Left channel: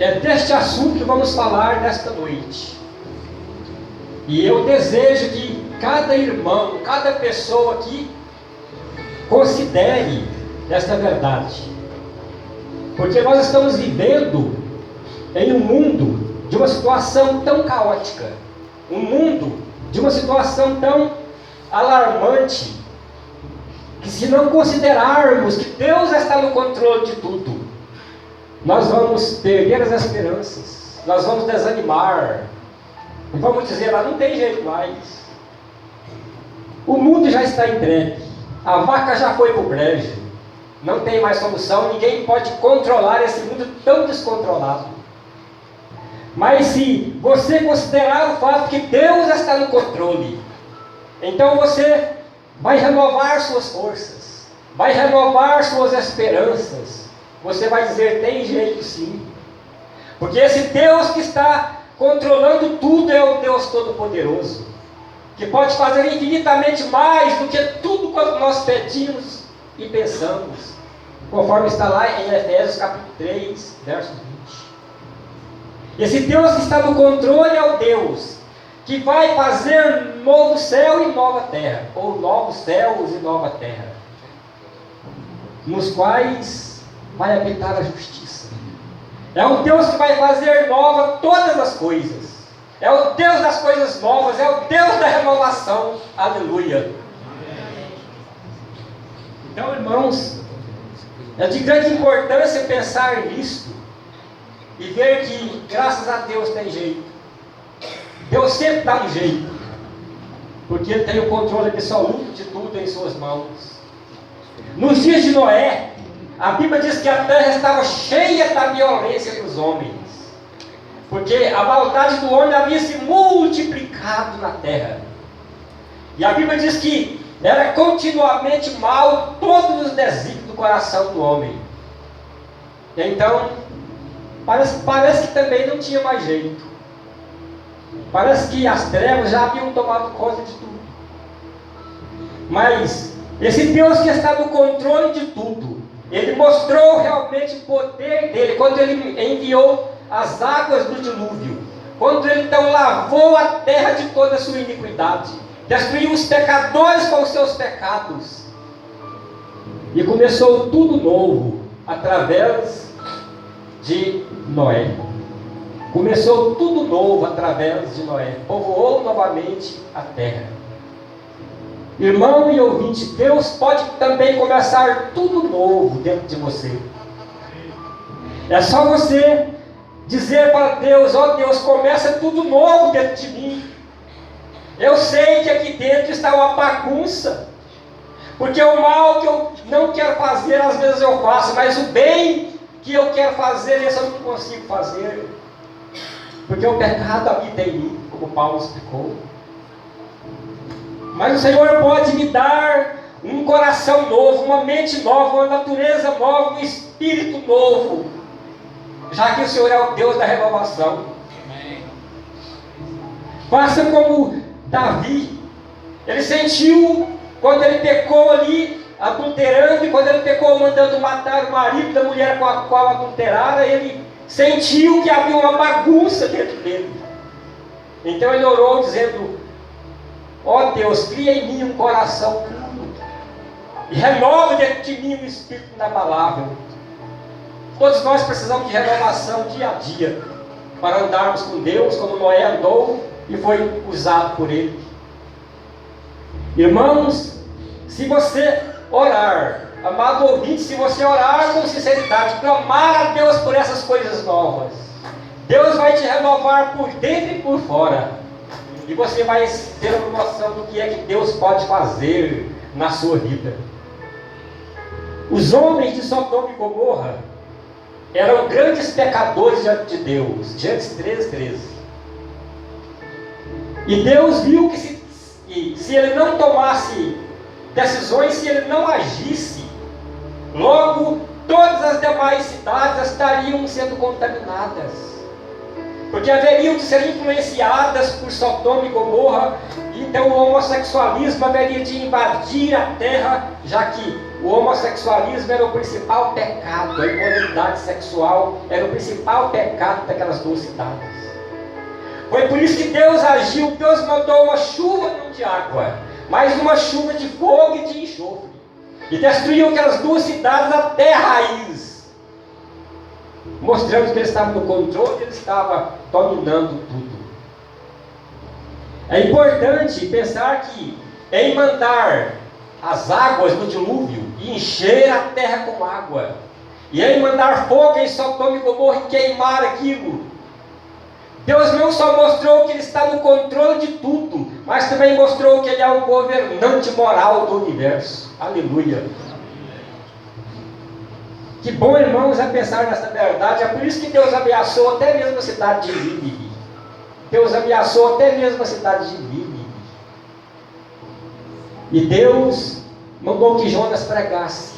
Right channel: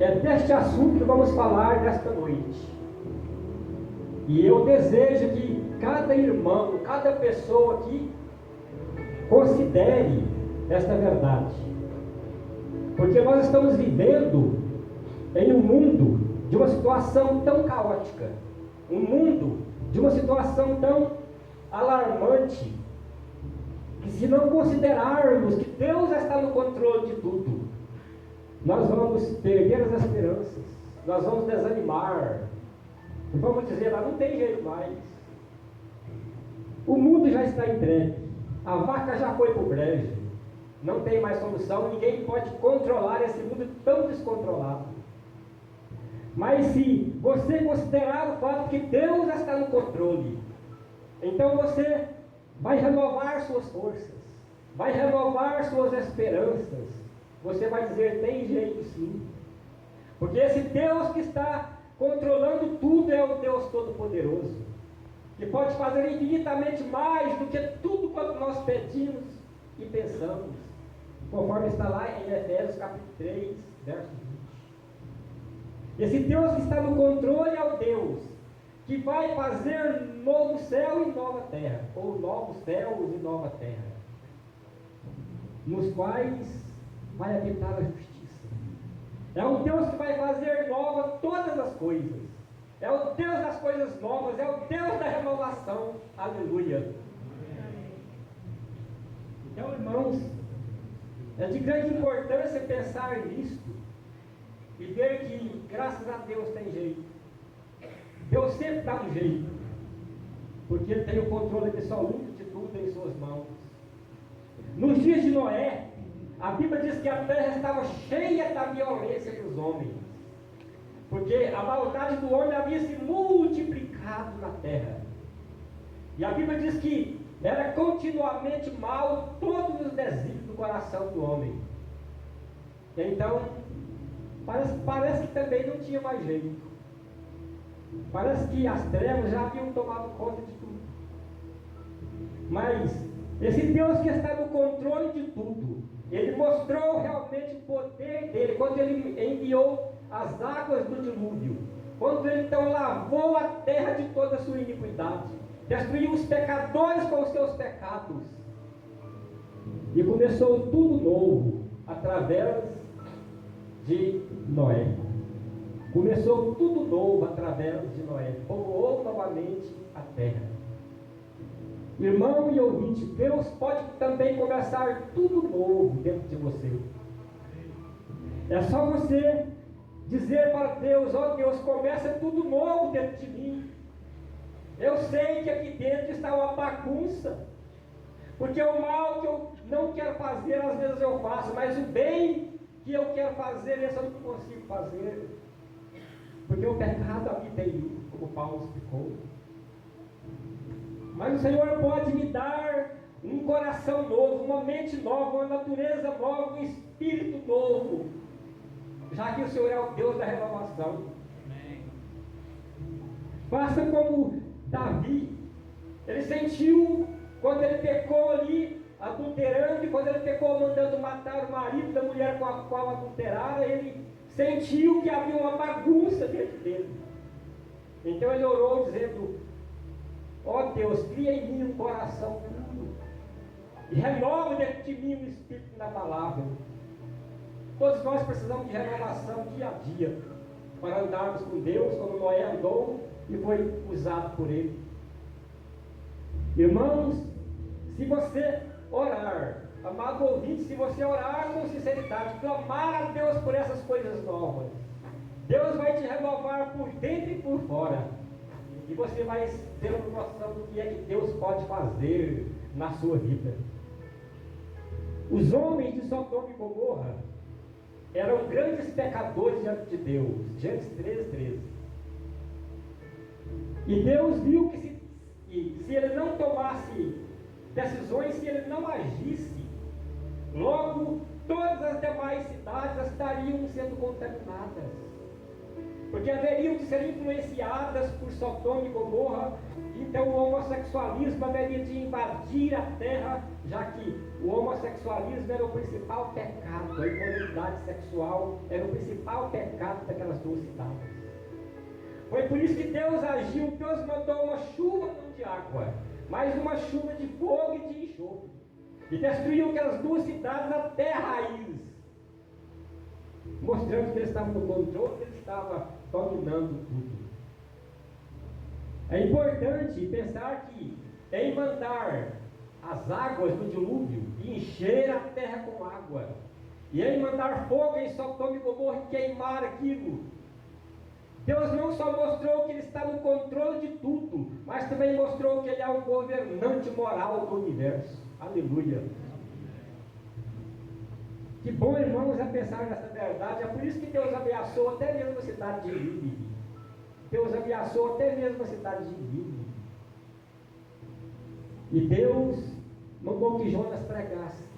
É deste assunto que vamos falar nesta noite. E eu desejo que cada irmão, cada pessoa aqui considere esta verdade. Porque nós estamos vivendo em um mundo de uma situação tão caótica, um mundo de uma situação tão alarmante, que se não considerarmos que Deus está no controle de tudo, nós vamos perder as esperanças, nós vamos desanimar, e vamos dizer, não tem jeito mais. O mundo já está entregue, a vaca já foi para o brejo, não tem mais solução, ninguém pode controlar esse mundo tão descontrolado. Mas se você considerar o fato que Deus está no controle, então você vai renovar suas forças, vai renovar suas esperanças. Você vai dizer, tem jeito sim. Porque esse Deus que está controlando tudo é o Deus Todo-Poderoso, que pode fazer infinitamente mais do que tudo quanto nós pedimos e pensamos, conforme está lá em Efésios capítulo 3, verso 20. Esse Deus que está no controle é o Deus que vai fazer novo céu e nova terra, ou novos céus e nova terra, nos quais vai habitar a justiça. É o Deus que vai fazer nova todas as coisas. É o Deus das coisas novas, é o Deus da renovação. Aleluia. Então, irmãos, é de grande importância pensar nisso e ver que, graças a Deus, tem jeito. Deus sempre dá um jeito, porque Ele tem o controle absoluto de tudo em suas mãos. Nos dias de Noé, a Bíblia diz que a terra estava cheia da violência dos homens, porque a maldade do homem havia se multiplicado na terra. E a Bíblia diz que era continuamente mal todos os desígnios do coração do homem. Então, parece que também não tinha mais jeito. Parece que as trevas já haviam tomado conta de tudo. Mas esse Deus que está no controle de tudo, Ele mostrou realmente o poder dele quando Ele enviou as águas do dilúvio, quando Ele então lavou a terra de toda a sua iniquidade, destruiu os pecadores com os seus pecados, e começou tudo novo através de Noé. Começou tudo novo através de Noé. Povoou novamente a terra. Irmão e ouvinte, Deus pode também começar tudo novo dentro de você. É só você dizer para Deus, ó Deus, começa tudo novo dentro de mim. Eu sei que aqui dentro está uma bagunça, porque o mal que eu não quero fazer, às vezes eu faço, mas o bem que eu quero fazer, esse eu não consigo fazer. Porque o pecado habita em mim, como Paulo explicou. Mas o Senhor pode me dar um coração novo, uma mente nova, uma natureza nova, um espírito novo, já que o Senhor é o Deus da renovação. Faça como Davi. Ele sentiu quando ele pecou ali, adulterando, e quando ele pecou mandando matar o marido da mulher com a qual adulterara, ele sentiu que havia uma bagunça dentro dele. Então ele orou dizendo, ó Deus, cria em mim um coração puro e renova dentro de mim um espírito inabalável. Todos nós precisamos de renovação dia a dia para andarmos com Deus como Noé andou e foi usado por Ele. Irmãos, se você orar, amado ouvinte, se você orar com sinceridade, clamar a Deus por essas coisas novas, Deus vai te renovar por dentro e por fora, e você vai ter uma noção do que é que Deus pode fazer na sua vida. Os homens de Sodoma e Gomorra eram grandes pecadores diante de Deus. Gênesis 13:13. E Deus viu que se ele não tomasse decisões, se ele não agisse, logo todas as demais cidades estariam sendo contaminadas, porque haveriam de ser influenciadas por Sodoma e Gomorra. Então o homossexualismo haveria de invadir a terra, já que o homossexualismo era o principal pecado, a imoralidade sexual era o principal pecado daquelas duas cidades. Foi por isso que Deus agiu, Deus mandou uma chuva não de água, mas uma chuva de fogo e de enxofre, e destruiu aquelas duas cidades até a raiz, mostrando que ele estava no controle, ele estava dominando tudo. É importante pensar que em mandar as águas do dilúvio e encher a terra com água, e em mandar fogo em Sodoma e Gomorra e queimar aquilo, Deus não só mostrou que Ele está no controle de tudo, mas também mostrou que Ele é o governante moral do universo. Aleluia! Que bom, irmãos, é pensar nessa verdade. É por isso que Deus ameaçou até mesmo a cidade de Nínive. Deus ameaçou até mesmo a cidade de Nínive. E Deus mandou que Jonas pregasse.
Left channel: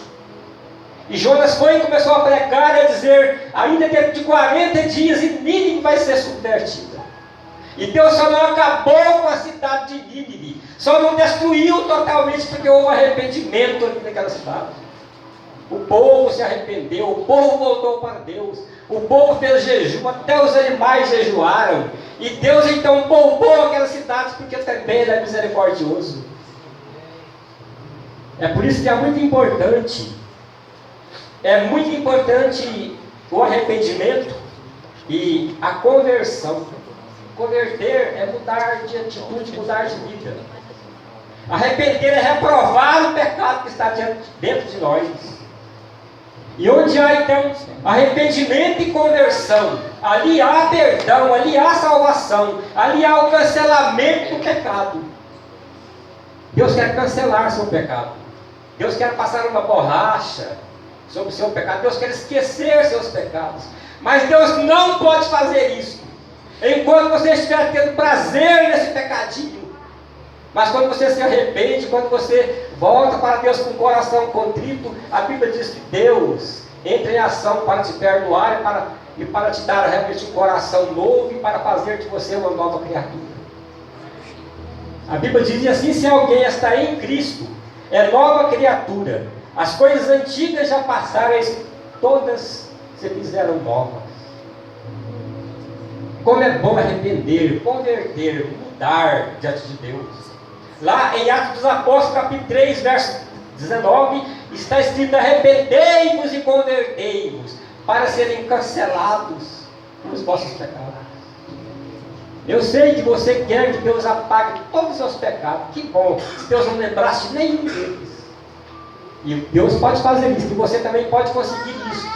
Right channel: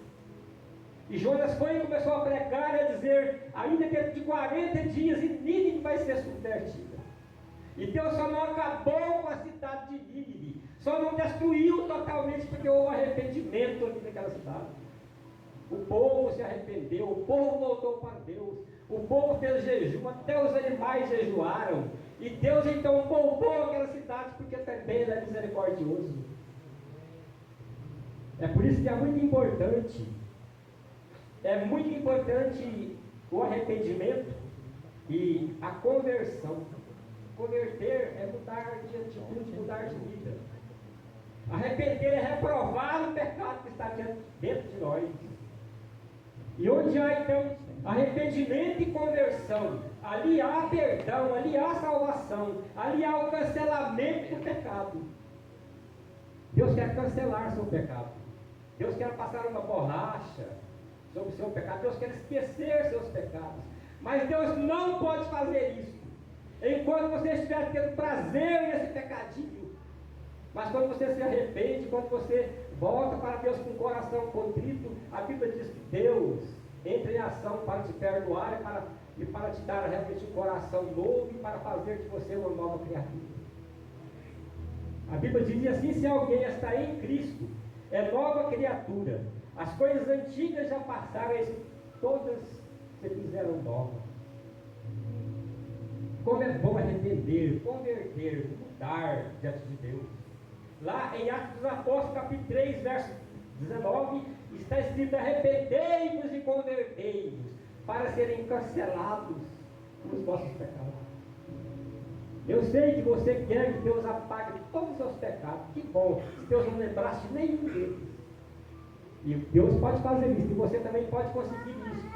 E Jonas foi e começou a pregar e a dizer: ainda dentro de 40 dias, e Nínive vai ser subvertida. E Deus só não acabou com a cidade de Nínive, só não destruiu totalmente, porque houve arrependimento aqui naquela cidade. O povo se arrependeu, o povo voltou para Deus, o povo fez jejum, até os animais jejuaram. E Deus então poupou aquela cidade, porque também Ele é misericordioso. É por isso que é muito importante o arrependimento e a conversão. Converter é mudar de atitude, mudar de vida. Arrepender é reprovar o pecado que está dentro de nós. E onde há então arrependimento e conversão, ali há perdão, ali há salvação, ali há o cancelamento do pecado. Deus quer cancelar seu pecado. Deus quer passar uma borracha sobre o seu pecado. Deus quer esquecer seus pecados. Mas Deus não pode fazer isso enquanto você estiver tendo prazer nesse pecadinho. Mas quando você se arrepende, quando você volta para Deus com o coração contrito, a Bíblia diz que Deus entra em ação para te perdoar e para te dar realmente um coração novo e para fazer de você uma nova criatura. A Bíblia diz assim: se alguém está em Cristo, é nova criatura. As coisas antigas já passaram, todas se fizeram novas. Como é bom arrepender, converter, mudar diante de Deus. Lá em Atos dos Apóstolos, capítulo 3, verso 19, está escrito: arrependei-vos e convertei-vos, para serem cancelados os vossos pecados. Eu sei que você quer que Deus apague todos os seus pecados. Que bom, se Deus não lembrasse de nenhum deles. E Deus pode fazer isso, e você também pode conseguir isso,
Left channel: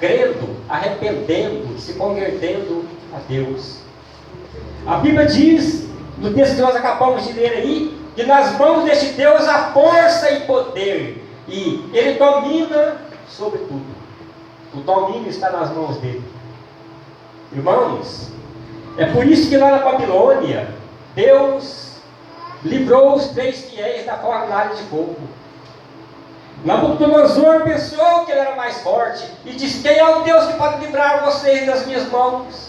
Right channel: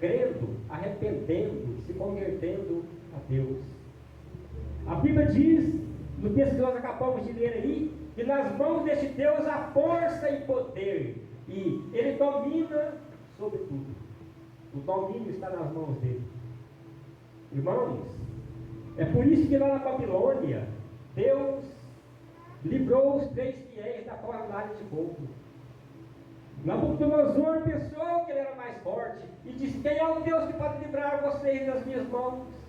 crendo, arrependendo, se convertendo a Deus. A Bíblia diz, no texto que nós acabamos de ler aí, que nas mãos deste Deus há força e poder, e Ele domina sobre tudo. O domínio está nas mãos dele. Irmãos, é por isso que lá na Babilônia, Deus livrou os 3 fiéis da fornalha de fogo. Nabucodonosor pensou que ele era mais forte e disse: quem é o Deus que pode livrar vocês das minhas mãos?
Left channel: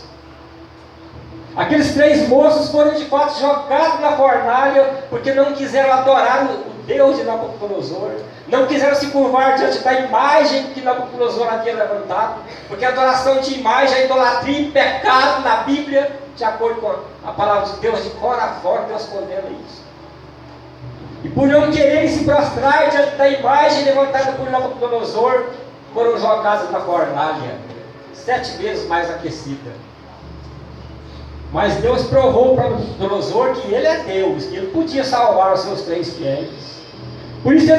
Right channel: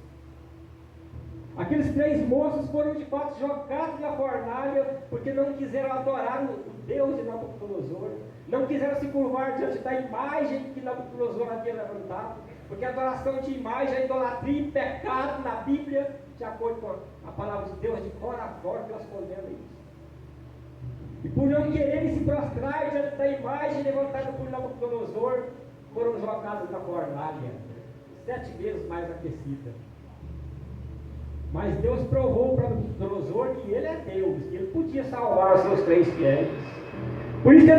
Aqueles 3 moços foram de fato jogados na fornalha, porque não quiseram adorar o Deus de Nabucodonosor, não quiseram se curvar diante da imagem que Nabucodonosor havia levantado, porque a adoração de imagem é idolatria e pecado na Bíblia, de acordo com a palavra de Deus, de fora a fora, Deus condena isso. E por não quererem se prostrar diante da imagem levantada por Nabucodonosor, foram jogados na fornalha, 7 vezes mais aquecida. Mas Deus provou para Nabucodonosor que Ele é Deus, que Ele podia salvar os seus 3 fiéis. Por isso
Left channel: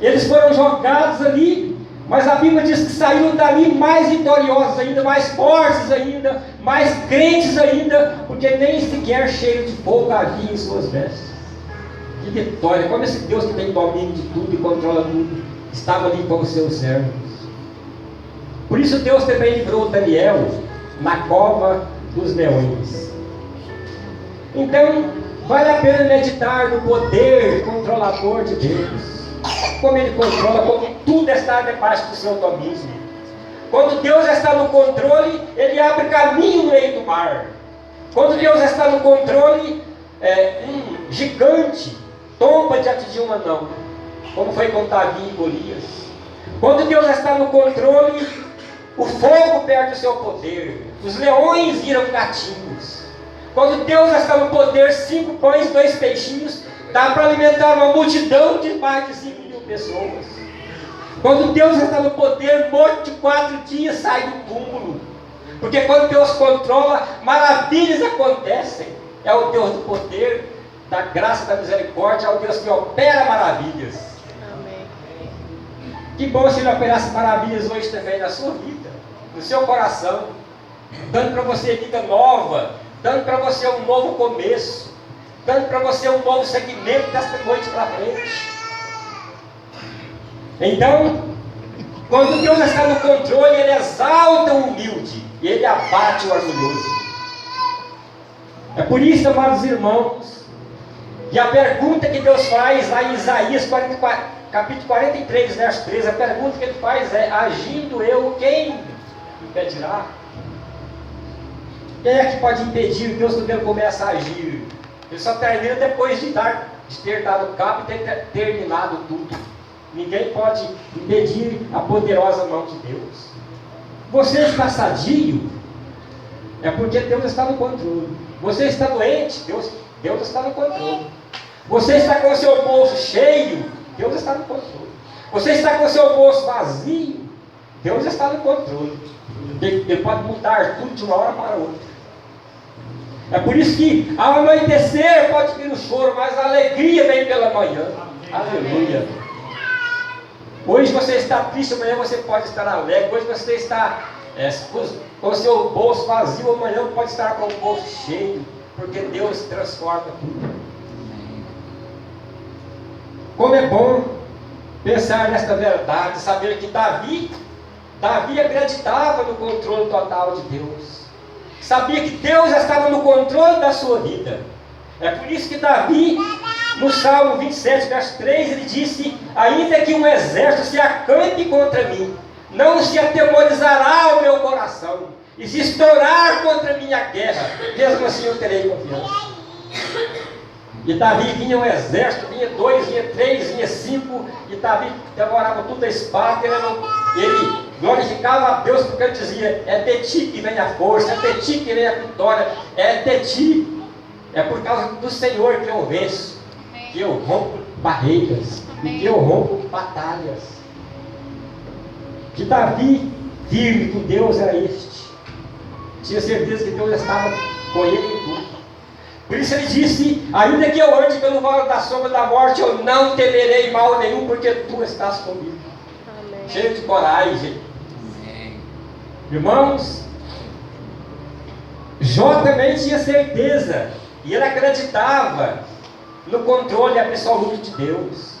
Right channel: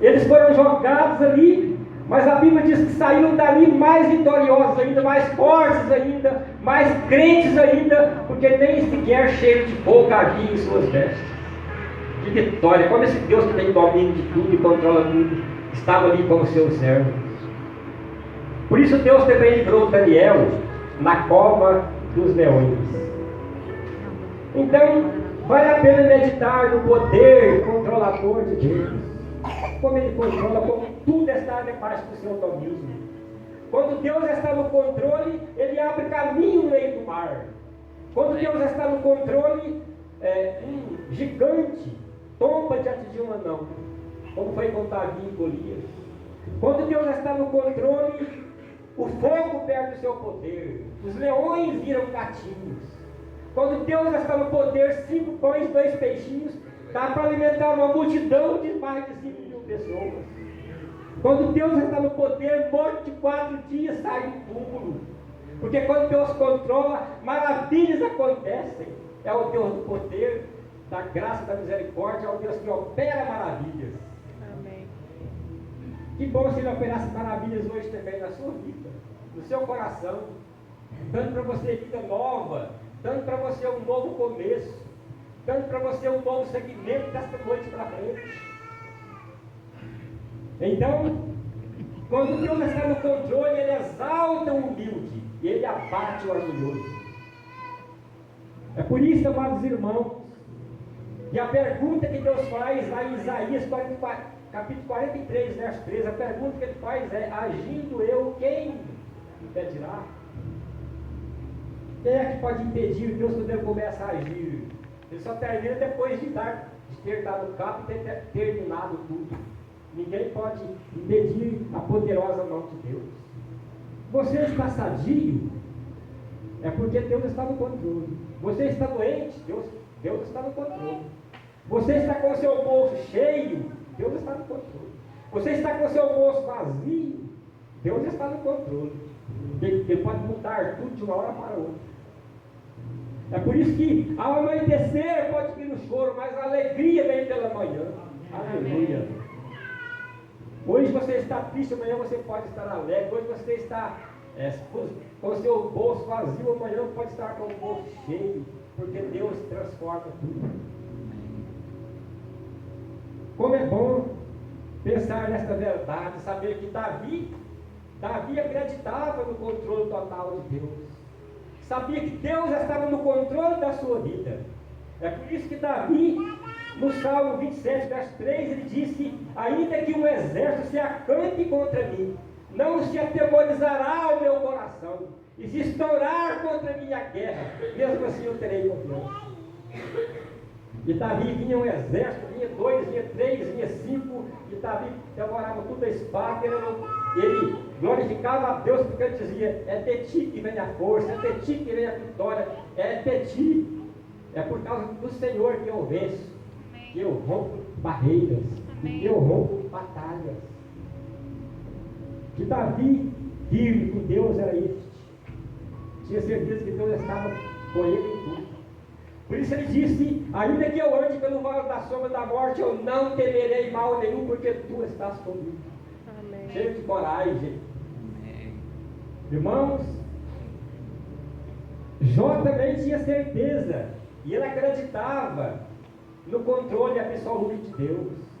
eles foram jogados ali, mas a Bíblia diz que saíram dali mais vitoriosos ainda, mais fortes ainda, mais crentes ainda, porque nem sequer cheiro de fogo havia em suas vestes. Que vitória! Como esse Deus que tem domínio de tudo e controla tudo, estava ali com os seus servos. Por isso Deus também livrou Daniel na cova dos leões. Então, vale a pena meditar no poder controlador de Deus. Como Ele controla, como tudo está debaixo do seu domínio. Quando Deus está no controle, Ele abre caminho no meio do mar. Quando Deus está no controle, um gigante tomba diante de um anão. como foi com Davi e Golias. Quando Deus está no controle, o fogo perde o seu poder, os leões viram gatinhos. Quando Deus está no poder, 5 pães e 2 peixinhos, dá para alimentar uma multidão de mais de 5.000 pessoas. Quando Deus está no poder, morto de 4 dias sai do túmulo. Porque quando Deus controla, maravilhas acontecem. É o Deus do poder, da graça, da misericórdia, é o Deus que opera maravilhas. Amém. Que bom se Ele operasse maravilhas hoje também na sua vida, no seu coração, dando para você vida nova, dando para você um novo começo, dando para você um novo segmento desta noite para frente. Então, quando Deus está no controle, Ele exalta o humilde e Ele abate o orgulhoso. É por isso, amados irmãos, que a pergunta que Deus faz lá em Isaías 44, capítulo 43, verso 13, a pergunta que Ele faz é: agindo eu, quem impedirá? Quem é que pode impedir Deus quando Ele começa a agir? Ele só termina depois de ter dado cabo e ter terminado tudo. Ninguém pode impedir a poderosa mão de Deus. Você está sadio, é porque Deus está no controle. Você está doente, Deus está no controle. Você está com o seu bolso cheio, Deus está no controle. Você está com o seu bolso vazio, Deus está no controle. Ele pode mudar tudo de uma hora para outra. É por isso que ao anoitecer pode vir o choro, mas a alegria vem pela manhã. Aleluia. Hoje você está triste, amanhã você pode estar alegre. Hoje você está com o seu bolso vazio, amanhã pode estar com o bolso cheio, porque Deus transforma tudo. Como é bom pensar nesta verdade, saber que Davi acreditava no controle total de Deus. Sabia que Deus estava no controle da sua vida. É por isso que Davi, no Salmo 27, verso 3, ele disse: ainda que um exército se acampe contra mim, não se atemorizará o meu coração, e se estourar contra a minha guerra, mesmo assim eu terei confiança. E Davi vinha um exército, vinha 2, vinha 3, vinha 5, e Davi devorava tudo a espada. Ele glorificava a Deus porque ele dizia: é de ti que vem a força, é de ti que vem a vitória, é de ti, é por causa do Senhor que eu venço, que eu rompo barreiras, e que eu rompo batalhas. Que Davi, firme com Deus, era este, tinha certeza que Deus estava com ele em tudo. Por isso ele disse: ainda que eu ande pelo vale da sombra da morte, eu não temerei mal nenhum, porque tu estás comigo. Amém. Cheio de coragem. Amém. Irmãos, Jó também tinha certeza, e ele acreditava no controle absoluto de Deus.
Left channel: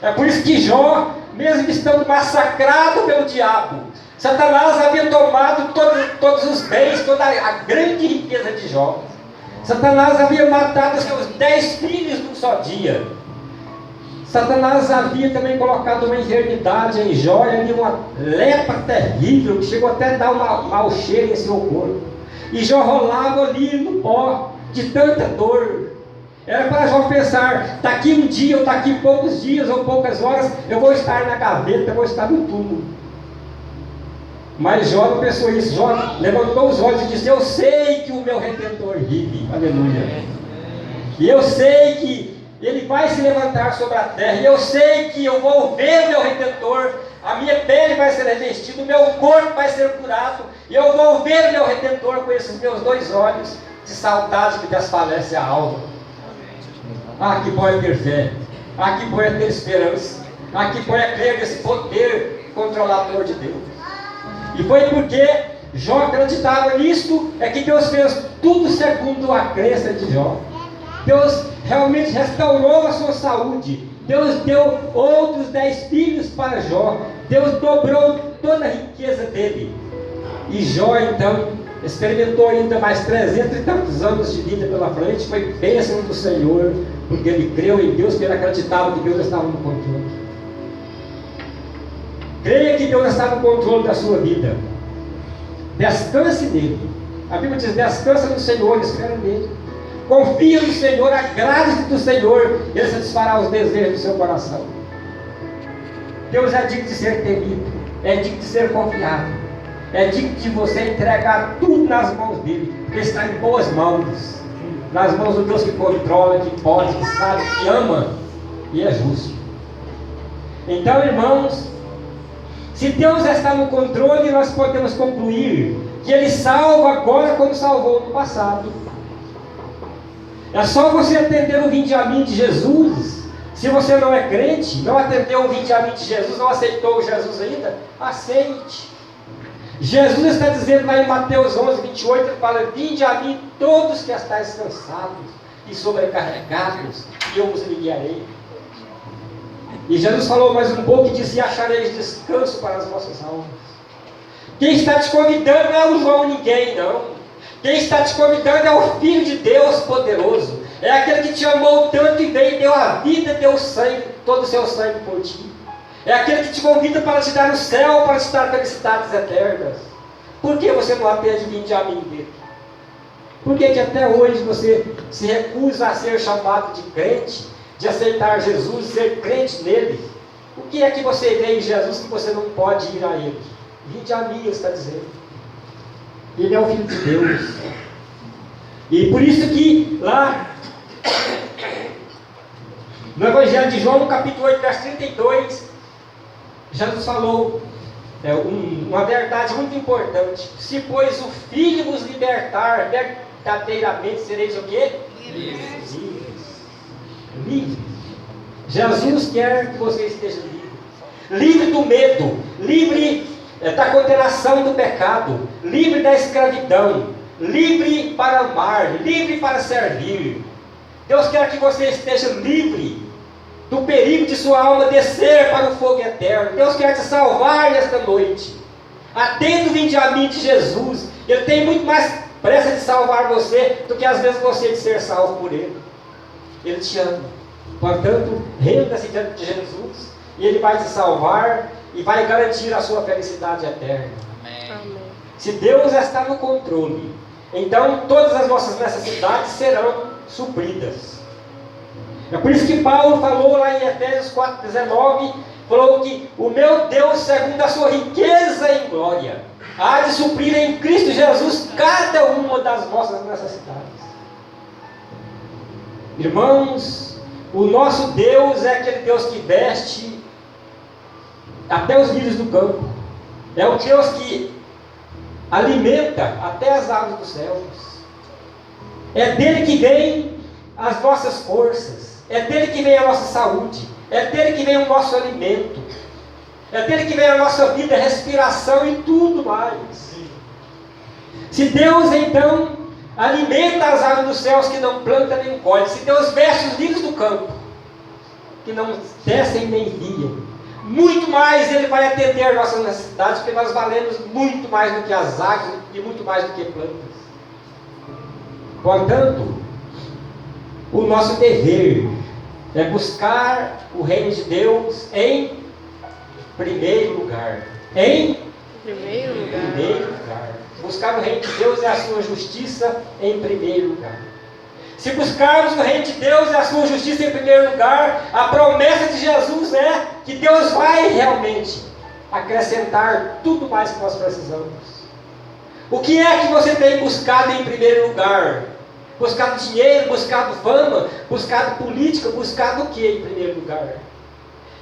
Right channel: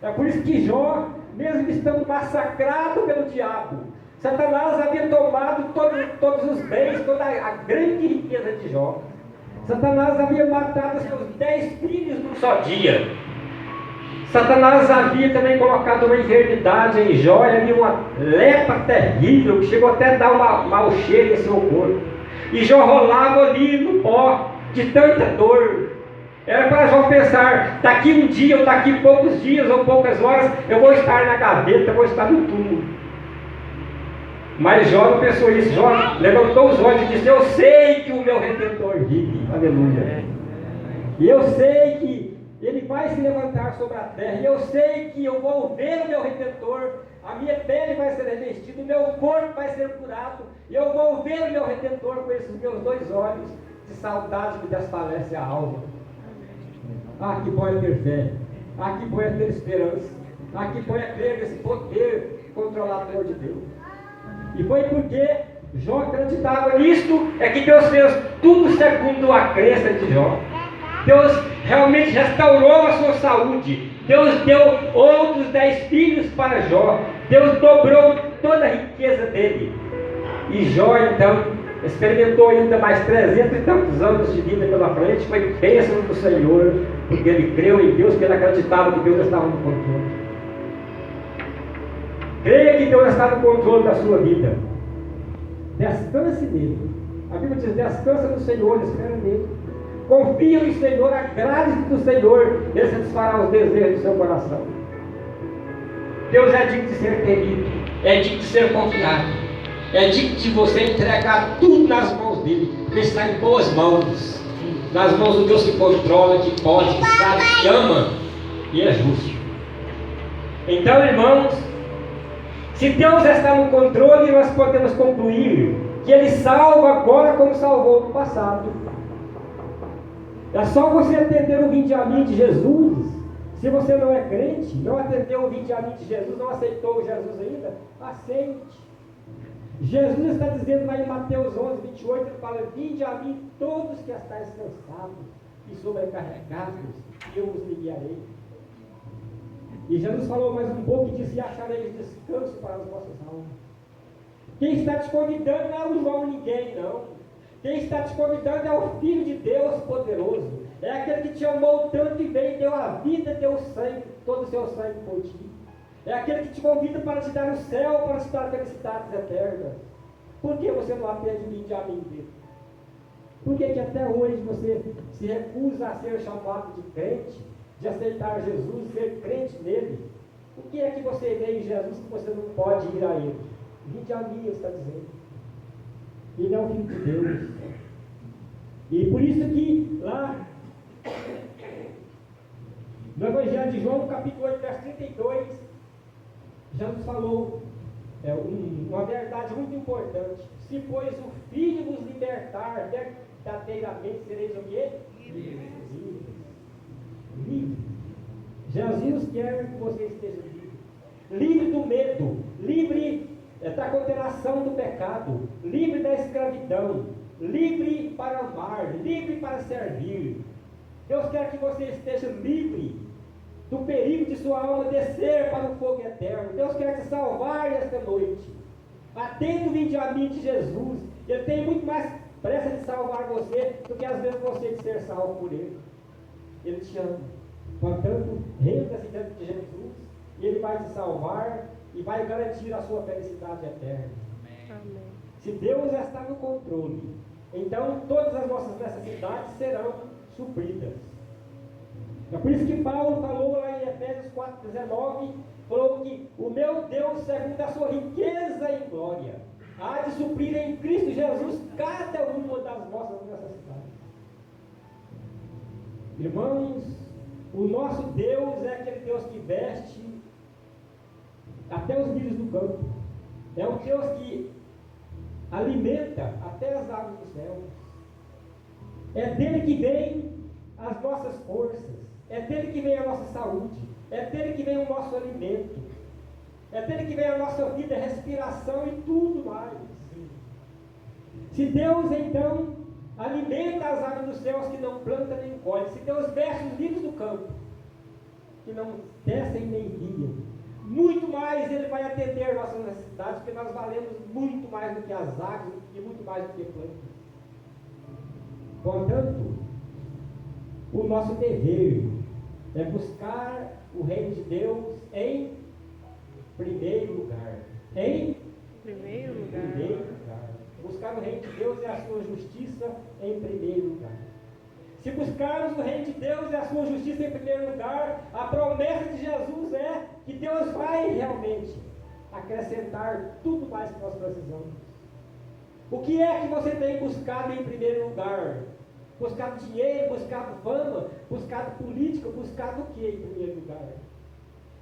É por isso que Jó, mesmo estando massacrado pelo diabo, Satanás havia tomado todos os bens, toda a grande riqueza de Jó. Satanás havia matado seus 10 filhos num só dia. Satanás havia também colocado uma enfermidade em Jó, ali uma lepra terrível, que chegou até a dar um mau cheiro em seu corpo. E Jó rolava ali no pó, de tanta dor. Era para Jó pensar: daqui um dia, ou daqui poucos dias, ou poucas horas, eu vou estar na gaveta, eu vou estar no túmulo. Mas Jó não pensou isso. Jó levantou os olhos e disse: eu sei que o meu Redentor vive. Aleluia. E eu sei que Ele vai se levantar sobre a terra. E eu sei que eu vou ver o meu Redentor. A minha pele vai ser revestida, o meu corpo vai ser curado. E eu vou ver o meu Redentor com esses meus 2 olhos de saudade que desfalece a alma. Ah, que bom é ter fé. Ah, que bom é ter esperança. Ah, que bom é crer nesse poder controlador de Deus. E foi porque Jó acreditava nisto, é que Deus fez tudo segundo a crença de Jó. Deus realmente restaurou a sua saúde. Deus deu outros 10 filhos para Jó. Deus dobrou toda a riqueza dele. E Jó então experimentou ainda mais 300 e tantos anos de vida pela frente. Foi bênção do Senhor, porque ele creu em Deus, porque ele acreditava que Deus estava no controle. Creia que Deus está no controle da sua vida. Descanse nele. A Bíblia diz: descansa no Senhor, espera nele. Confia no Senhor, agrade-se do Senhor, Ele satisfará os desejos do seu coração. Deus é digno de ser temido, é digno de ser confiado, é digno de você entregar tudo nas mãos dele, porque está em boas mãos, nas mãos do Deus que controla, que pode, que sabe, que ama e é justo. Então, irmãos, se Deus está no controle, nós podemos concluir que Ele salva agora como salvou no passado. É só você atender o vinde a mim de Jesus. Se você não é crente, não atendeu o vinde a mim de Jesus, não aceitou Jesus ainda, aceite. Jesus está dizendo lá em Mateus 11, 28, ele fala: vinde a mim todos que estáis cansados e sobrecarregados, e eu vos aliviarei. E Jesus falou mais um pouco e disse: e achareis descanso para as vossas almas. Quem está te convidando não é o João ninguém, não. Quem está te convidando é o Filho de Deus poderoso. É aquele que te amou tanto e veio, deu a vida, deu o sangue, todo o seu sangue por ti. É aquele que te convida para te dar o céu, para te dar felicidades eternas. Por que você não atende vinde a mim dele? Por que até hoje você se recusa a ser chamado de crente, de aceitar Jesus, ser crente nele? O que é que você vê em Jesus que você não pode ir a ele? Vinde a mim, ele está dizendo. Ele é o Filho de Deus. E por isso que lá no Evangelho de João, no capítulo 8, verso 32, Jesus falou uma verdade muito importante. Se pois o Filho vos libertar, verdadeiramente sereis o quê? Livres. Livres. Jesus quer que você esteja livre. Livre do medo, livre da condenação do pecado, livre da escravidão, livre para amar, livre para servir. Deus quer que você esteja livre do perigo de sua alma descer para o fogo eterno. Deus quer te salvar nesta noite. Atenda o vinde a mim de Jesus. Ele tem muito mais pressa de salvar você do que às vezes você de ser salvo por Ele. Ele te ama. Portanto, renda-se diante de Jesus e Ele vai te salvar e vai garantir a sua felicidade eterna. Amém. Se Deus está no controle, então todas as vossas necessidades serão supridas. É por isso que Paulo falou lá em Efésios 4,19, falou que o meu Deus, segundo a sua riqueza em glória, há de suprir em Cristo Jesus cada uma das vossas necessidades. Irmãos, o nosso Deus é aquele Deus que veste até os lírios do campo. É o Deus que alimenta até as aves dos céus. É dele que vem as nossas forças. É dele que vem a nossa saúde. É dele que vem o nosso alimento. É dele que vem a nossa vida, respiração e tudo mais. Se Deus então alimenta as aves dos céus que não planta nem colhe, se Deus veste os lírios do campo que não descem nem viam, muito mais Ele vai atender nossas necessidades, porque nós valemos muito mais do que as aves e muito mais do que plantas. Portanto, o nosso dever é buscar o reino de Deus em primeiro lugar. Em primeiro lugar. Buscar o reino de Deus é a sua justiça em primeiro lugar. Se buscarmos o reino de Deus e a sua justiça em primeiro lugar, a promessa de Jesus é que Deus vai realmente acrescentar tudo mais que nós precisamos. O que é que você tem buscado em primeiro lugar? Buscado dinheiro, buscado fama, buscado política, buscado o que em primeiro lugar?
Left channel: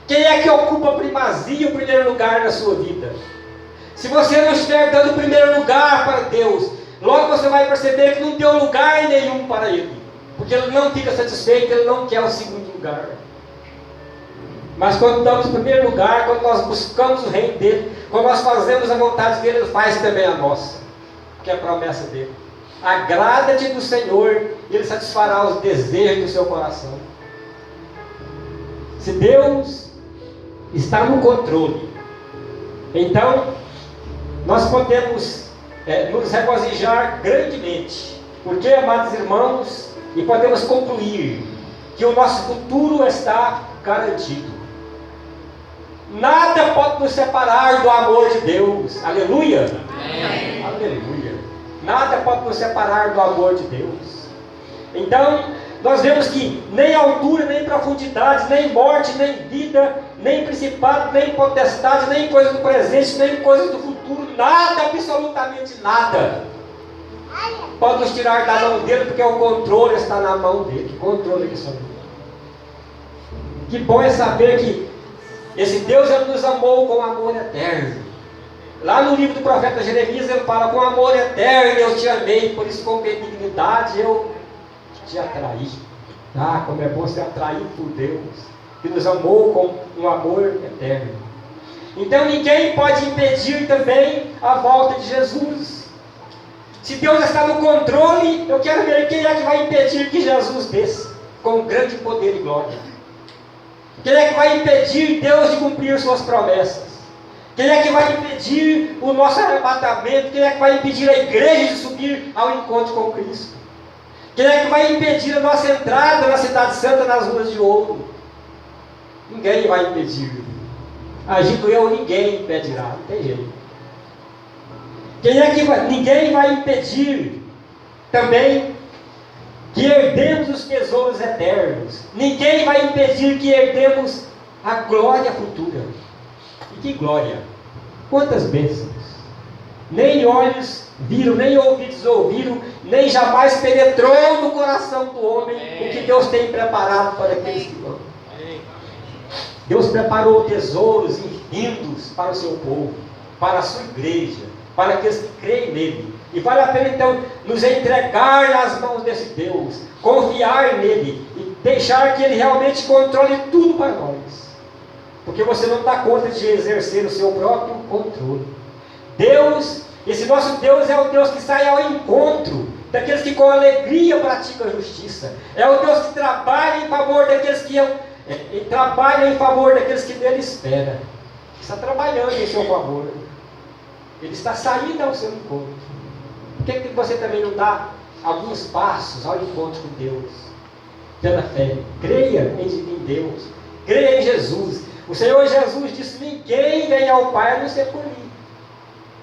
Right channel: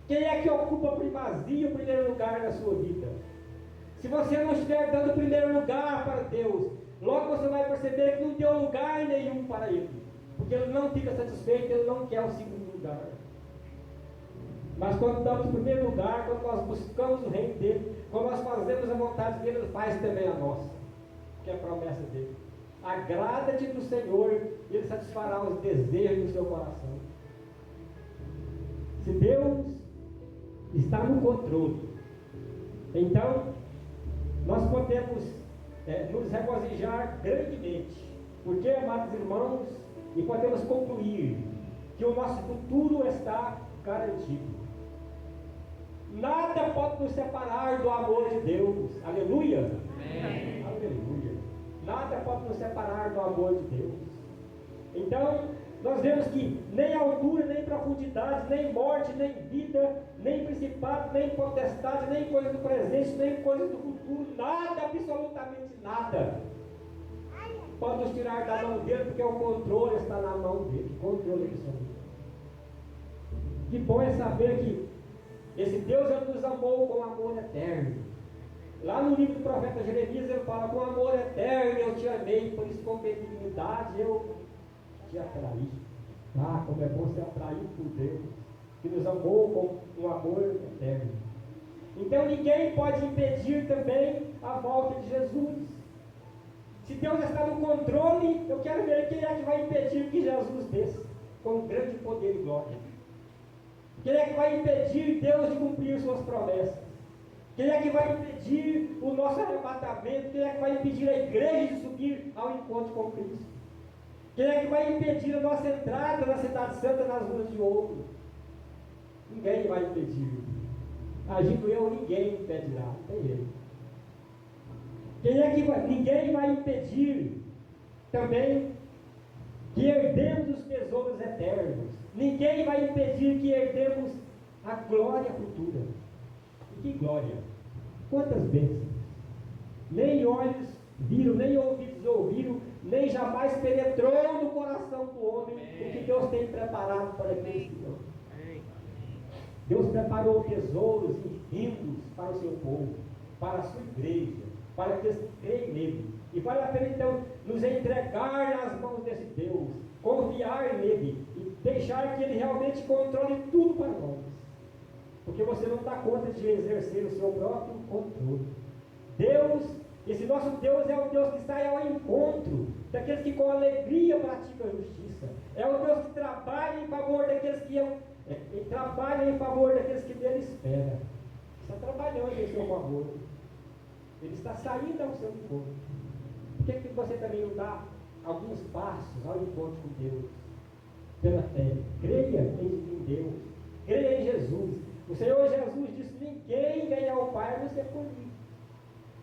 Quem é que ocupa a primazia, o primeiro lugar na sua vida? Se você não estiver dando o primeiro lugar para Deus, logo você vai perceber que não deu lugar nenhum para Ele. Porque Ele não fica satisfeito, Ele não quer o segundo lugar. Mas quando damos o primeiro lugar, quando nós buscamos o reino dEle, quando nós fazemos a vontade dEle, Ele faz também a nossa. Que é a promessa dEle. Agrada-te do Senhor, e Ele satisfará os desejos do seu coração. Se Deus está no controle, então nós podemos nos regozijar grandemente. Porque, amados irmãos, e podemos concluir que o nosso futuro está garantido. Nada pode nos separar do amor de Deus. Aleluia! Amém. Aleluia! Nada pode nos separar do amor de Deus. Então, nós vemos que nem altura, nem profundidade, nem morte, nem vida, nem principado, nem potestade, nem coisa do presente, nem coisa do futuro, nada, absolutamente nada, pode nos tirar da mão dele, porque o controle está na mão dele. Que controle que isso é? Que bom é saber que esse Deus, ele nos amou com amor eterno. Lá no livro do profeta Jeremias, ele fala: com amor eterno eu te amei, por isso com benignidade eu te atraí. Ah, como é bom ser atraído por Deus, que nos amou com um amor eterno. Então ninguém pode impedir também a volta de Jesus. Se Deus está no controle, eu quero ver quem é que vai impedir que Jesus desça com grande poder e glória. Quem é que vai impedir Deus de cumprir suas promessas? Quem é que vai impedir o nosso arrebatamento? Quem é que vai impedir a igreja de subir ao encontro com Cristo? Quem é que vai impedir a nossa entrada na cidade santa, nas ruas de ouro? Ninguém vai impedir. Agindo eu, ninguém impedirá. Não tem jeito. Ninguém vai impedir também que herdemos os tesouros eternos. Ninguém vai impedir que herdemos a glória futura. E que glória! Quantas bênçãos! Nem olhos viram, nem ouvidos ouviram, nem jamais penetrou no coração do homem o que Deus tem preparado para aqueles que vão. Deus preparou tesouros infindos para o seu povo, para a sua igreja, para aqueles que creem nele. E vale a pena então nos entregar nas mãos desse Deus, confiar nele e deixar que ele realmente controle tudo para nós. Porque você não dá conta de exercer o seu próprio controle. Deus, esse nosso Deus é o Deus que sai ao encontro daqueles que com alegria praticam a justiça. É o Deus que trabalha em favor daqueles que nele esperam. Está trabalhando em seu favor. Ele está saindo ao seu encontro. Por que você também não dá alguns passos ao encontro com Deus? Pela fé. Creia em Deus. Creia em Jesus. O Senhor Jesus disse: ninguém vem ao Pai a não ser por mim.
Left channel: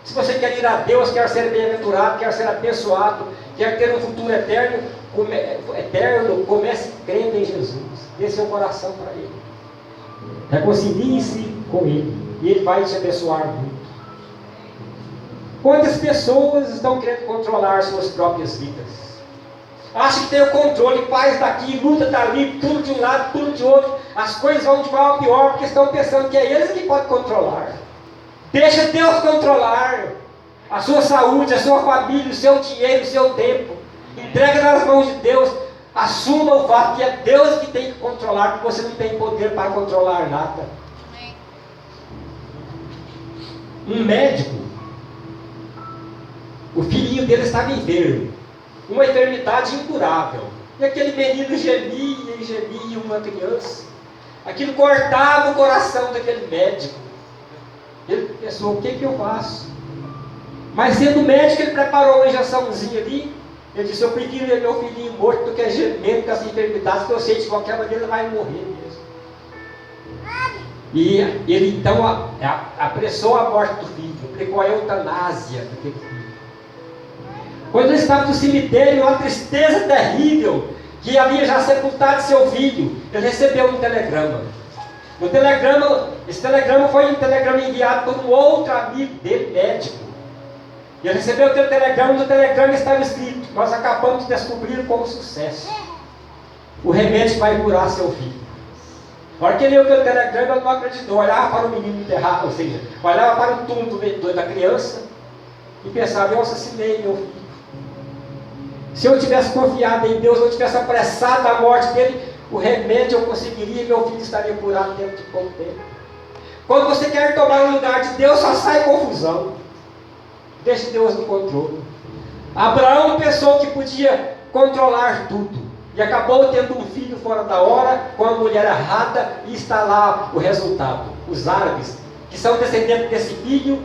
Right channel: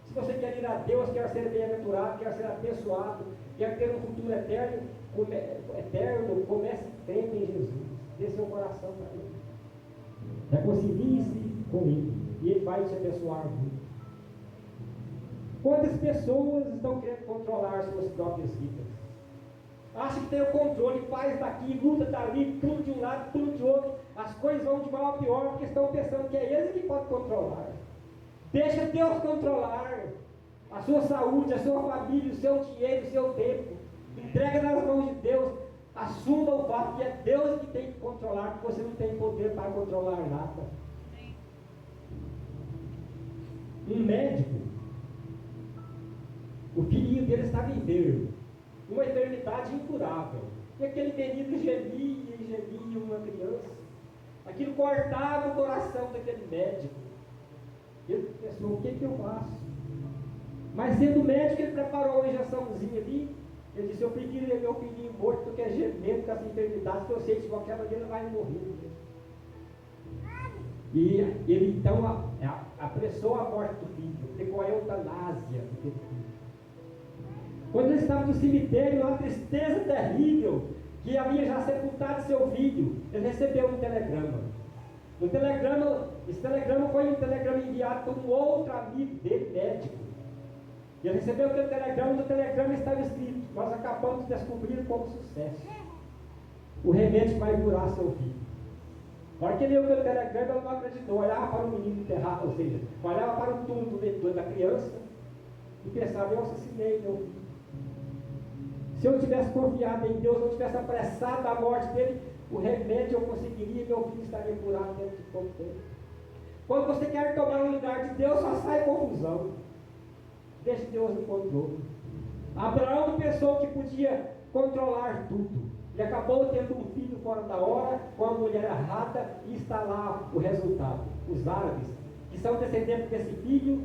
Se você quer ir a Deus, quer ser bem-aventurado, quer ser abençoado, quer ter um futuro eterno, comece crendo em Jesus. Dê seu coração para Ele. Reconcilie-se com Ele. E Ele vai te abençoar muito. Quantas pessoas estão querendo controlar suas próprias vidas? Acha que tem o controle, faz daqui, luta dali, tudo de um lado, tudo de outro. As coisas vão de mal a pior, porque estão pensando que é eles que podem controlar. Deixa Deus controlar a sua saúde, a sua família, o seu dinheiro, o seu tempo. Entrega nas mãos de Deus. Assuma o fato que é Deus que tem que controlar, porque você não tem poder para controlar nada. Um médico, o filhinho dele estava enfermo, uma enfermidade incurável. E aquele menino gemia e gemia, uma criança. Aquilo cortava o coração daquele médico. Ele pensou: o que eu faço? Mas sendo médico, ele preparou uma injeçãozinha ali. Ele disse: eu prefiro ver meu filhinho morto do que gemendo com essa enfermidade, porque eu sei que de qualquer maneira ele vai morrer mesmo. E ele então apressou a morte do filho, aplicou a eutanásia daquele filho. Quando ele estava no cemitério, uma tristeza terrível, que havia já sepultado seu filho, ele recebeu um telegrama. Esse telegrama foi um telegrama enviado por um outro amigo dele, médico. E ele recebeu aquele telegrama, e no telegrama estava escrito: nós acabamos de descobrir com sucesso o remédio que vai curar seu filho. Na hora que ele leu aquele telegrama, ele não acreditou, olhava para o menino enterrado, ou seja, olhava para o túmulo da criança e pensava: eu assassinei meu filho. Se eu tivesse confiado em Deus, eu tivesse apressado a morte dele, o remédio eu conseguiria e meu filho estaria curado dentro de pouco tempo. Quando você quer tomar o lugar de Deus, só sai confusão. Deixe Deus no controle. Abraão pensou que podia controlar tudo e acabou tendo um filho fora da hora, com a mulher errada, e está lá o resultado. Os árabes, que são descendentes desse filho,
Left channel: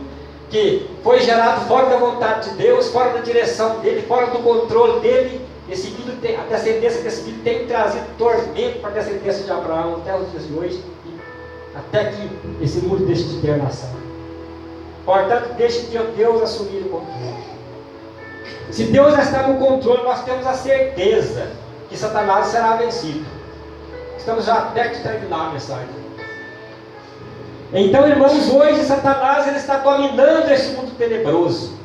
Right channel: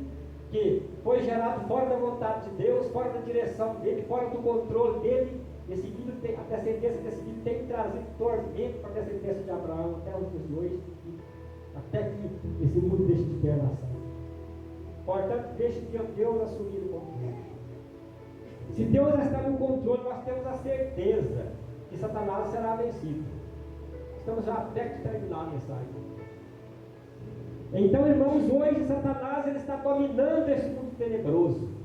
que foi gerado fora da vontade de Deus, fora da direção dele, fora do controle dele. Esse filho a descendência desse filho tem trazido tormento para a descendência de Abraão até os dias de hoje, até que esse mundo deixe de ter nação. Portanto, deixe Deus assumir o controle. Se Deus está no controle, nós temos a certeza que Satanás será vencido. Estamos já perto de terminar a mensagem. Então, irmãos, hoje Satanás ele está dominando esse mundo tenebroso,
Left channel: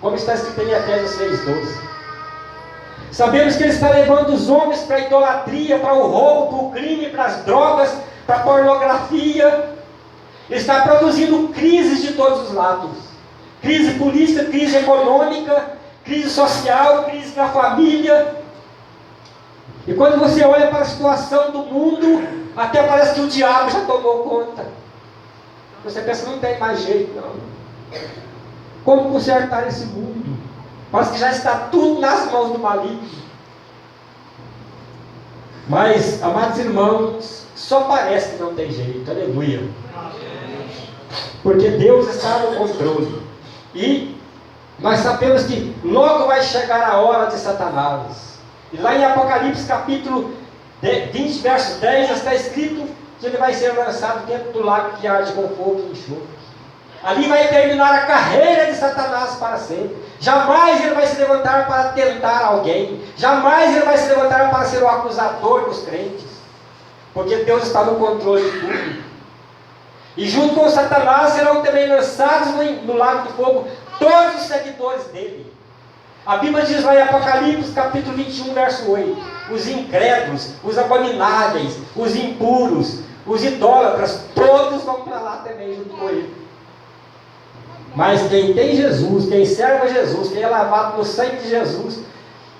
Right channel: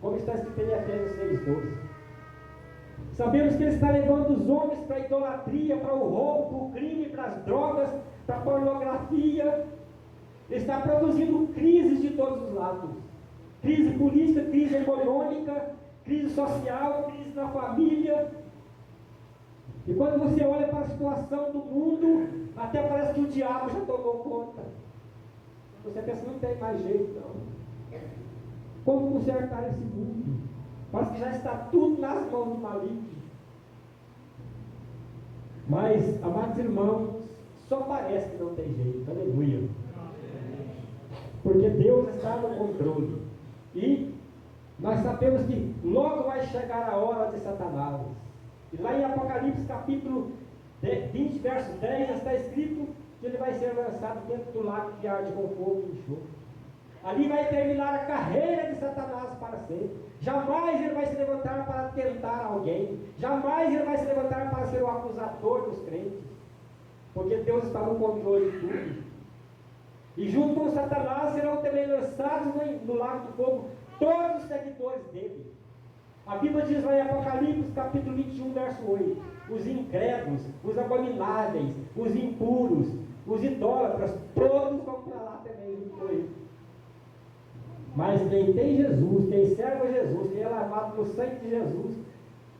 como está escrito em Efésios 6:12. Sabemos que ele está levando os homens para a idolatria, para o roubo, para o crime, para as drogas, para a pornografia. Ele está produzindo crises de todos os lados. Crise política, crise econômica, crise social, crise na família. E quando você olha para a situação do mundo, até parece que o diabo já tomou conta. Você pensa, não tem mais jeito, não. Como consertar esse mundo? Parece que já está tudo nas mãos do maligno. Mas, amados irmãos, só parece que não tem jeito. Aleluia. Porque Deus está no controle. E nós sabemos que logo vai chegar a hora de Satanás. E lá em Apocalipse capítulo 20, verso 10, está escrito que ele vai ser lançado dentro do lago que arde com fogo e enxofre. Ali vai terminar a carreira de Satanás para sempre. Jamais ele vai se levantar para tentar alguém. Jamais ele vai se levantar para ser o acusador dos crentes. Porque Deus está no controle de tudo. E junto com Satanás serão também lançados no lago do fogo todos os seguidores dele. A Bíblia diz lá em Apocalipse capítulo 21, verso 8. Os incrédulos, os abomináveis, os impuros, os idólatras, todos vão para lá também junto com ele. Mas quem tem Jesus, quem serve a Jesus, quem é lavado no sangue de Jesus,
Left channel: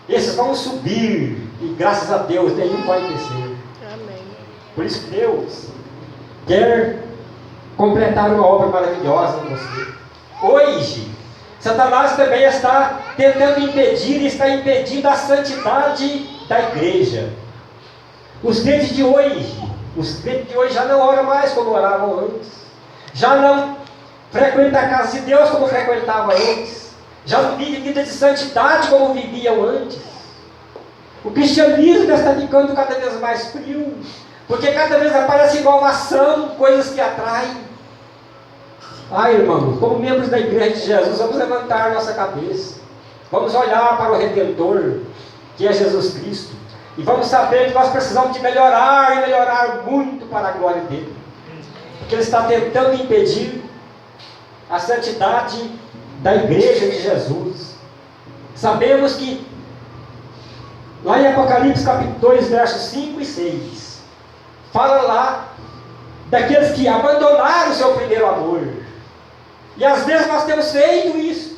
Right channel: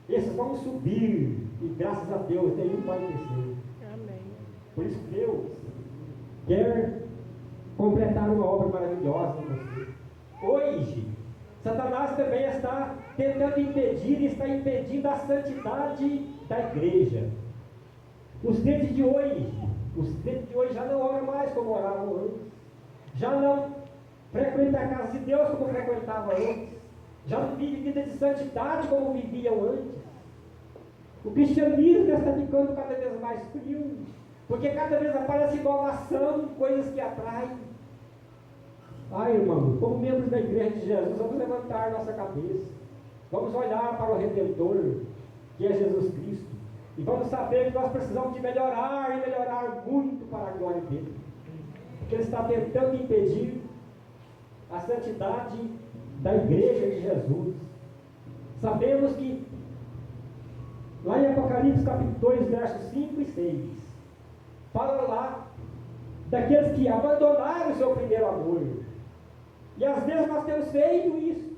esses vão subir. E graças a Deus, nenhum vai descer. Amém. Por isso que Deus quer completar uma obra maravilhosa em você. Hoje, Satanás também está tentando impedir, está impedindo a santidade da igreja. Os crentes de hoje já não oram mais como oravam antes. Já não frequentam a casa de Deus como frequentavam antes. Já não vivem vida de santidade como viviam antes. O cristianismo está ficando cada vez mais frio, porque cada vez aparece inovação, coisas que atraem. Irmãos, como membros da igreja de Jesus, vamos levantar nossa cabeça. Vamos olhar para o Redentor, que é Jesus Cristo. E vamos saber que nós precisamos de melhorar e melhorar muito para a glória dele. Porque ele está tentando impedir a santidade da igreja de Jesus. Sabemos que lá em Apocalipse capítulo 2, versos 5 e 6, fala lá daqueles que abandonaram o seu primeiro amor. E às vezes nós temos feito isso.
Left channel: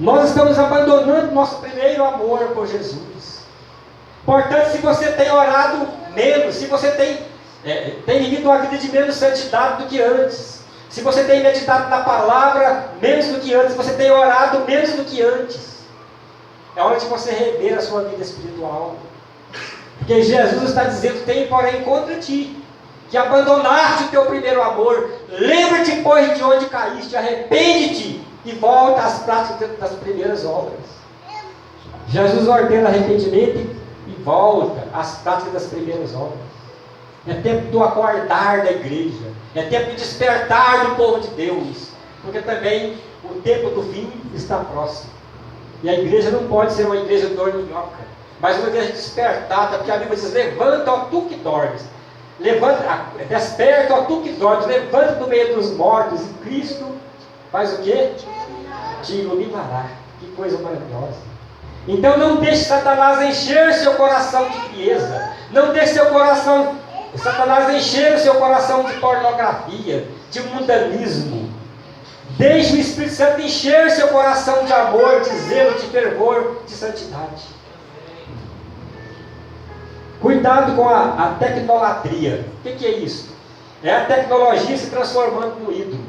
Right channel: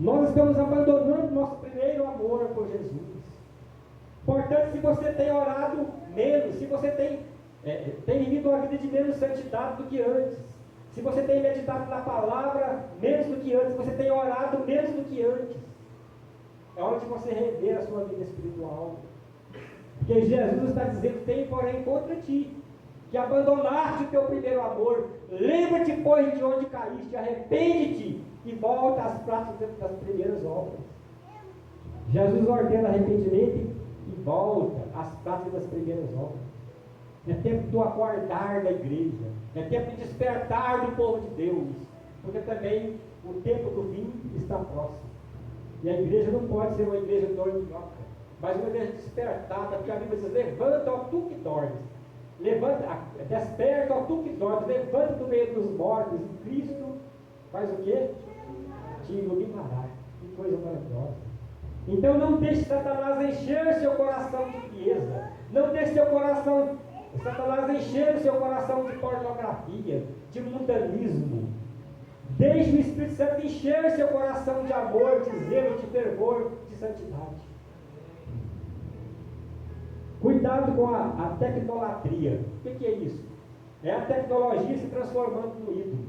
Nós estamos abandonando nosso primeiro amor por Jesus. Portanto, se você tem orado menos, se você tem vivido uma vida de menos santidade do que antes, se você tem meditado na palavra menos do que antes, se você tem orado menos do que antes, é hora de você rever a sua vida espiritual. Porque Jesus está dizendo: tem porém contra ti, que abandonaste o teu primeiro amor. Lembra-te, pois, de onde caíste, arrepende-te e volta às práticas das primeiras obras. Jesus ordena arrependimento e volta às práticas das primeiras obras. É tempo do acordar da igreja, é tempo de despertar do povo de Deus, porque também o tempo do fim está próximo. E a igreja não pode ser uma igreja dorminhoca, mas uma igreja despertada, porque a Bíblia diz: levanta, ó tu que dormes. Levanta, desperta, ó tu que dormes, levanta do meio dos mortos, e Cristo faz o quê? Te iluminará. Que coisa maravilhosa. Então não deixe Satanás encher seu coração de frieza. Não deixe Satanás encher o seu coração de pornografia, de mundanismo. Deixe o Espírito Santo encher seu coração de amor, de zelo, de fervor, de santidade. Cuidado com a tecnolatria. O que é isso? É a tecnologia se transformando no ídolo.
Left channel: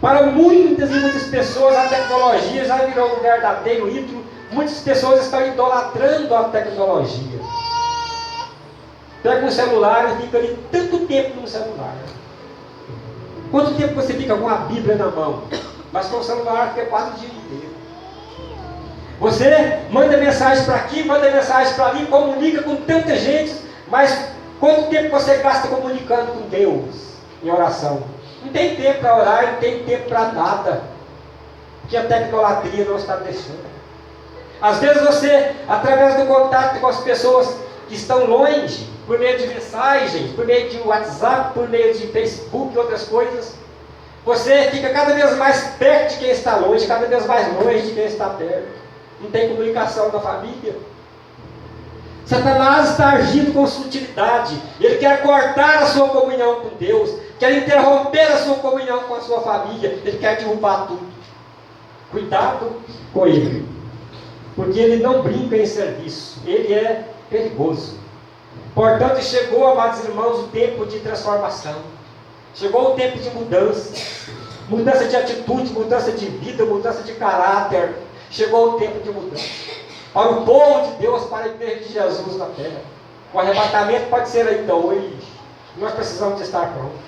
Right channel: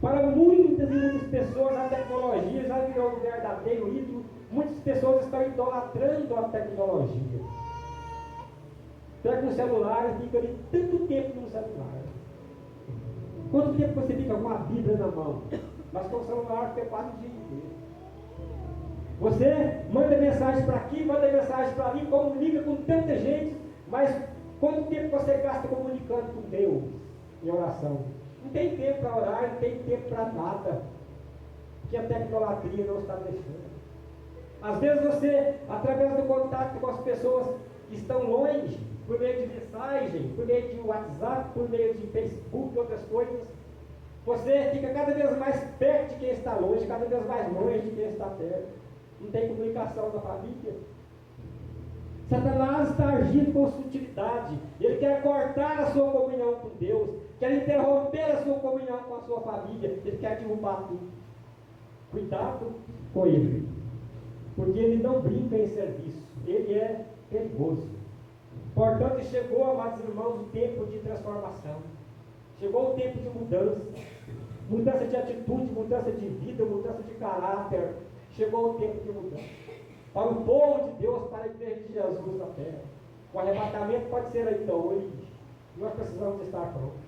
Para muitas e muitas pessoas, a tecnologia já virou um verdadeiro ídolo. Muitas pessoas estão idolatrando a tecnologia. Pega um celular e fica ali tanto tempo no celular. Quanto tempo você fica com a Bíblia na mão? Mas com o celular fica quase o dia inteiro. Você manda mensagem para aqui, manda mensagem para ali, comunica com tanta gente, mas quanto tempo você gasta comunicando com Deus em oração? Não tem tempo para orar, não tem tempo para nada, que a tecnologia não está deixando. Às vezes você, através do contato com as pessoas que estão longe, por meio de mensagens, por meio de WhatsApp, por meio de Facebook e outras coisas, você fica cada vez mais perto de quem está longe, cada vez mais longe de quem está perto. Não tem comunicação da família. Satanás está agindo com sutilidade. Ele quer cortar a sua comunhão com Deus, quer interromper a sua comunhão com a sua família, ele quer derrubar tudo. Cuidado com ele, porque ele não brinca em serviço, ele é perigoso. Portanto, chegou, amados irmãos, o tempo de transformação. Chegou o tempo de mudança. Mudança de atitude, mudança de vida, mudança de caráter. Chegou o tempo de mudança. Para o povo de Deus, para a igreja de Jesus na terra. O arrebatamento pode ser ainda hoje. Nós precisamos de estar prontos.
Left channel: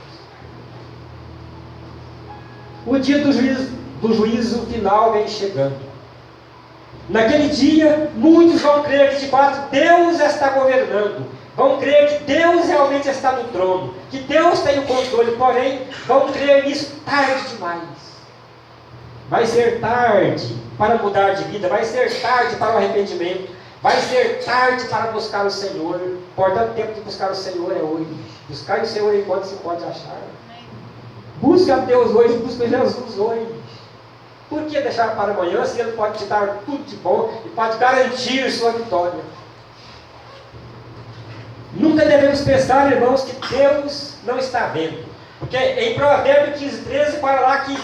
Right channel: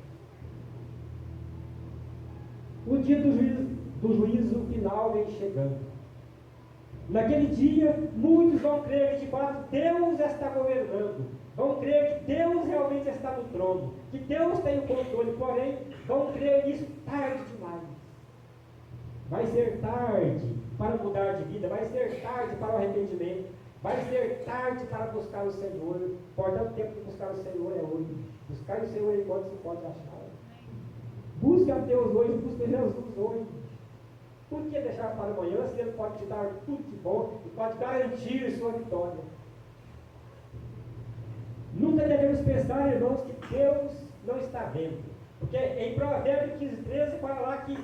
O dia do juízo final vem chegando. Naquele dia, muitos vão crer que de fato Deus está governando. Vão crer que Deus realmente está no trono. Que Deus tem o controle. Porém, vão crer nisso tarde demais. Vai ser tarde para mudar de vida. Vai ser tarde para o arrependimento. Vai ser tarde para buscar o Senhor. Portanto, o tempo de buscar o Senhor é hoje. Buscar o Senhor enquanto se pode achar. Busca a Deus hoje, busca Jesus hoje. Por que deixar para amanhã se Ele pode te dar tudo de bom e pode garantir sua vitória? Nunca devemos pensar, irmãos, que Deus não está vendo. Porque em Provérbios 15:13 fala lá que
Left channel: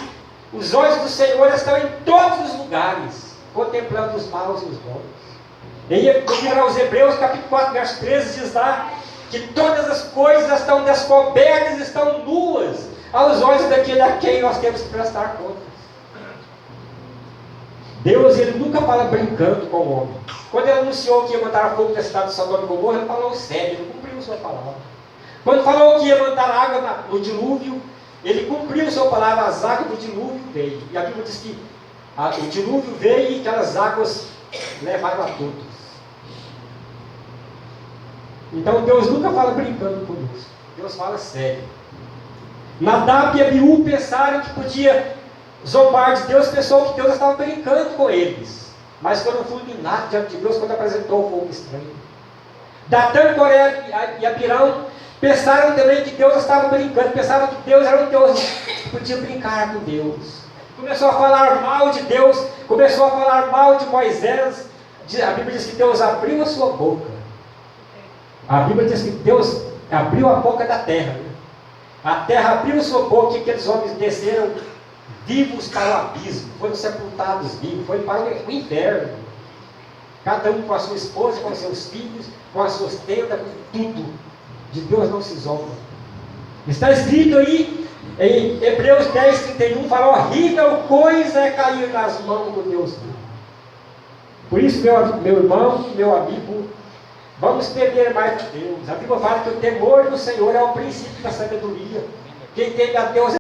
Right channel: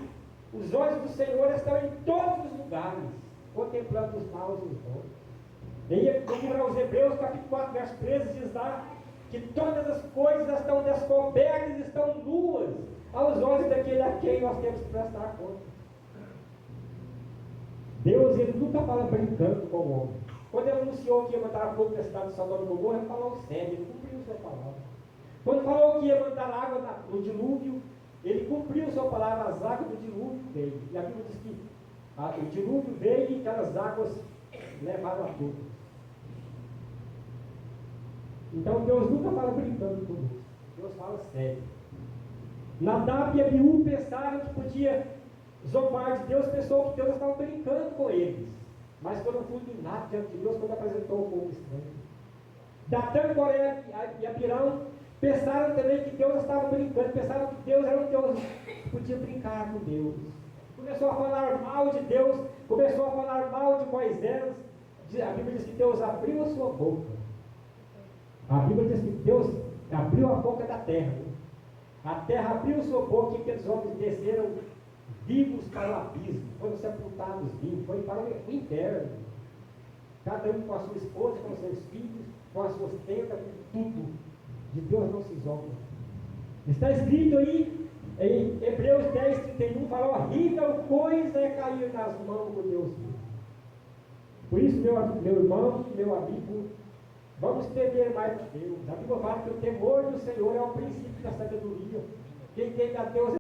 os olhos do Senhor estão em todos os lugares, contemplando os maus e os bons. Em aos Hebreus capítulo 4, verso 13 diz lá que todas as coisas estão descobertas, estão nuas aos olhos daquele a quem nós temos que prestar contas. Deus, ele nunca fala brincando com o homem. Quando ele anunciou que ia mandar fogo na cidade de Sodoma e Gomorra, ele falou sério, ele cumpriu sua palavra. Quando falou que ia mandar água no dilúvio, ele cumpriu sua palavra, as águas do dilúvio veio. E a Bíblia diz que o dilúvio veio e aquelas águas levaram a todos. Então Deus nunca fala brincando conosco. Deus fala sério. Nadab e Abiú pensaram que podia zombar de Deus, pensou que Deus estava brincando com eles. Mas foram fulminados diante de Deus quando apresentou o fogo estranho. Datã, Coré e Abirão pensaram também que Deus estava brincando, pensaram que Deus era um Deus que podia brincar com Deus. Começou a falar mal de Deus, começou a falar mal de Moisés. A Bíblia diz que Deus abriu a sua boca. A Bíblia diz que Deus abriu a boca da terra. A terra abriu a sua boca e aqueles homens desceram vivos para o abismo, foram sepultados vivos, foram para o inferno. Cada um com a sua esposa, com os seus filhos, com as suas tendas, com tudo. De Deus não se zomba. Está escrito aí em Hebreus 10:31, fala: horrível coisa é cair nas mãos do Deus vivo. Por isso, meu irmão, meu amigo, vamos temer mais de Deus. A Bíblia fala que o temor do Senhor é o princípio da sabedoria. Quem teme a Deus